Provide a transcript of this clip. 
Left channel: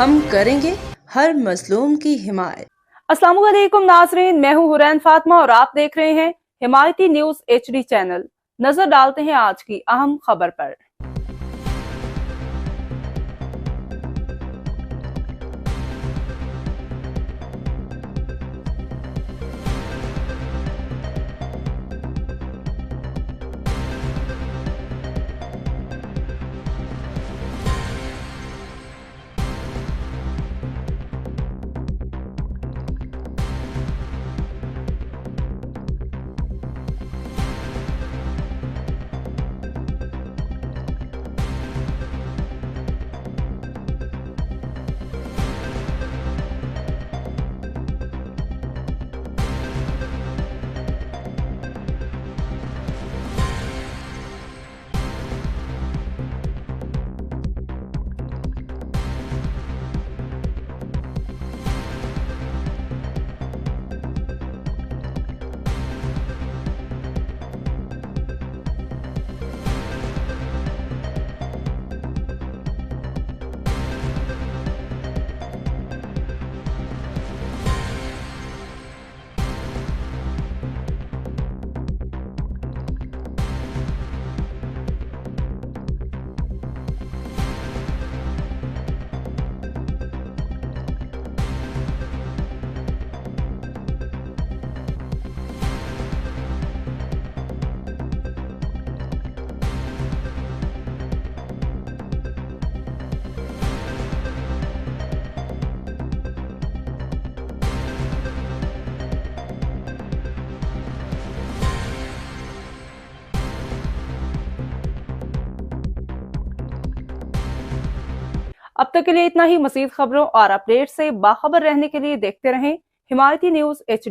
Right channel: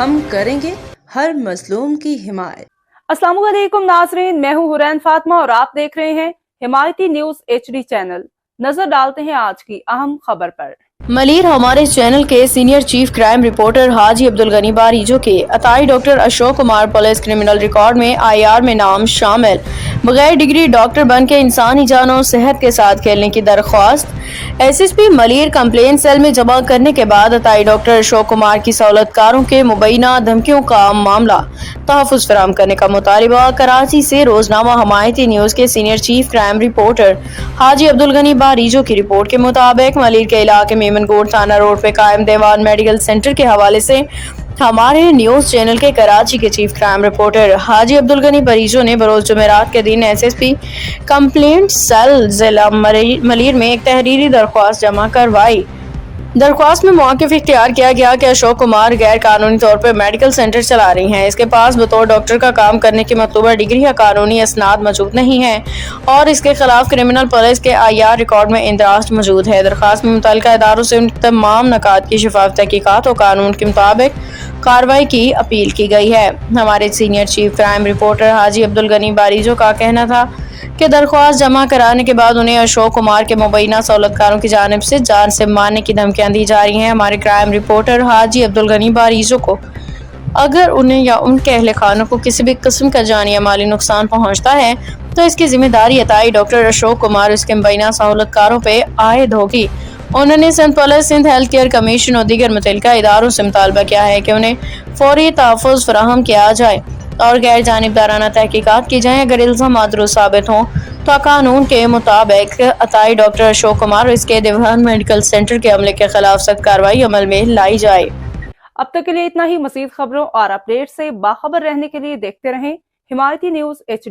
ہم کریں گے ہر مظلوم کی حمایت۔ السلام علیکم ناظرین، میں ہوں حورین فاطمہ اور آپ دیکھ رہے ہیں حمایتی نیوز HD چینل۔ نظر ڈالتے ہیں آج کی اہم خبر پر۔ ملیر ہمارے چینل کے سینئر چیف کرائم رپورٹر حاجی عبدالغنی باریجو کے عطائی doctor Ashok Kumar police criminal record میں IR میں نام شامل، بغیر ڈگری ڈاکٹر بن کے انسانی جان و صحت کے ساتھ کھیلنے کی درخواست SSP ملیر کمپلین سیل میں جمع کرنے کے بعد عطائی ڈاکٹر اشوک کمار کی سہولت کاروں کے مبینہ دھمکیوں کا معاملہ تحفظ فراہم کرنے کا مطالبہ۔ کراچی سے روزنامہ حمایتی نیوز کے سینئر چیف کرائم رپورٹر حاجی عبدالغنی باریجو کی رپورٹ کے مطابق ملیر کے علاقے میں میمن گوٹ تھانہ روڈ پہ قائم دیوان میڈیکل سینٹر کے حوالے سے ہمارے نیوز چینل کے کراچی کے چیف کرائم رپورٹر حاجی عبدالغنی باریجو نے بروز جمعرات کے دن SSP کمپلینٹ سیل ضلع ملیر میں ایک تحریری درخواست جمع کروائی۔ درخواست میں موقف اختیار کیا گیا کہ اشوک کمار غیر قانونی طور پر میڈیکل سینٹر چلا رہی ہیں، اس کے پاس بطور ڈاکٹر کا کام کرنے کی مطلوبہ ڈگری یا قانونی اسناد موجود نہیں ہیں اور اس کے خلاف کرمنل پولیس کے IR ریکارڈ میں اندراج موجود ہے۔ درخواست میں متعلقہ اداروں سے ان تمام نکات کی شفاف تحقیقات اور قانون کے مطابق کارروائی کی اپیل کی گئی ہے۔ ہمارے سینئر چیف کرائم رپورٹر حاجی عبدالغنی باریجو کا کہنا تھا کہ درخواست جمع کرانے کے بعد انہیں اشوک کمار کے مبینہ سہولت کاروں کی جانب سے جان سے مارنے کی دھمکیاں دی جا رہی ہیں۔ ہمارے کرائم رپورٹر حاجی عبدالغنی باریجو کو اگر انہیں یا ان کے اہل خانوں کو کسی بھی قسم کا جانی یا مالی نقصان پہنچتا ہے تو اس کی ذمہ داری عطائی ڈاکٹر اشوک کمار اس کے مبینہ سہولت کاروں پہ عائد ہوگی۔ انہوں نے Sindh police, Sindh health care commission اور دیگر متعلقہ اداروں سے مطالبہ کیا ہے کہ انہیں فوری تحفظ فراہم کیا جائے اور غیر جانبدارانہ تحقیقات کی جائیں۔ اگر الزامات درست ثابت ہوں تو قانون کے مطابق عطائی ڈاکٹر اشوک کمار اور اس کے دیوان میڈیکل سینٹر کے عملے کے خلاف سخت کارروائی عمل میں لائی جائے۔ اب تک کے لیے اتنا ہی۔ مزید خبروں اور اپڈیٹ سے باخبر رہنے کے لیے دیکھتے رہیں حمایتی نیوز HD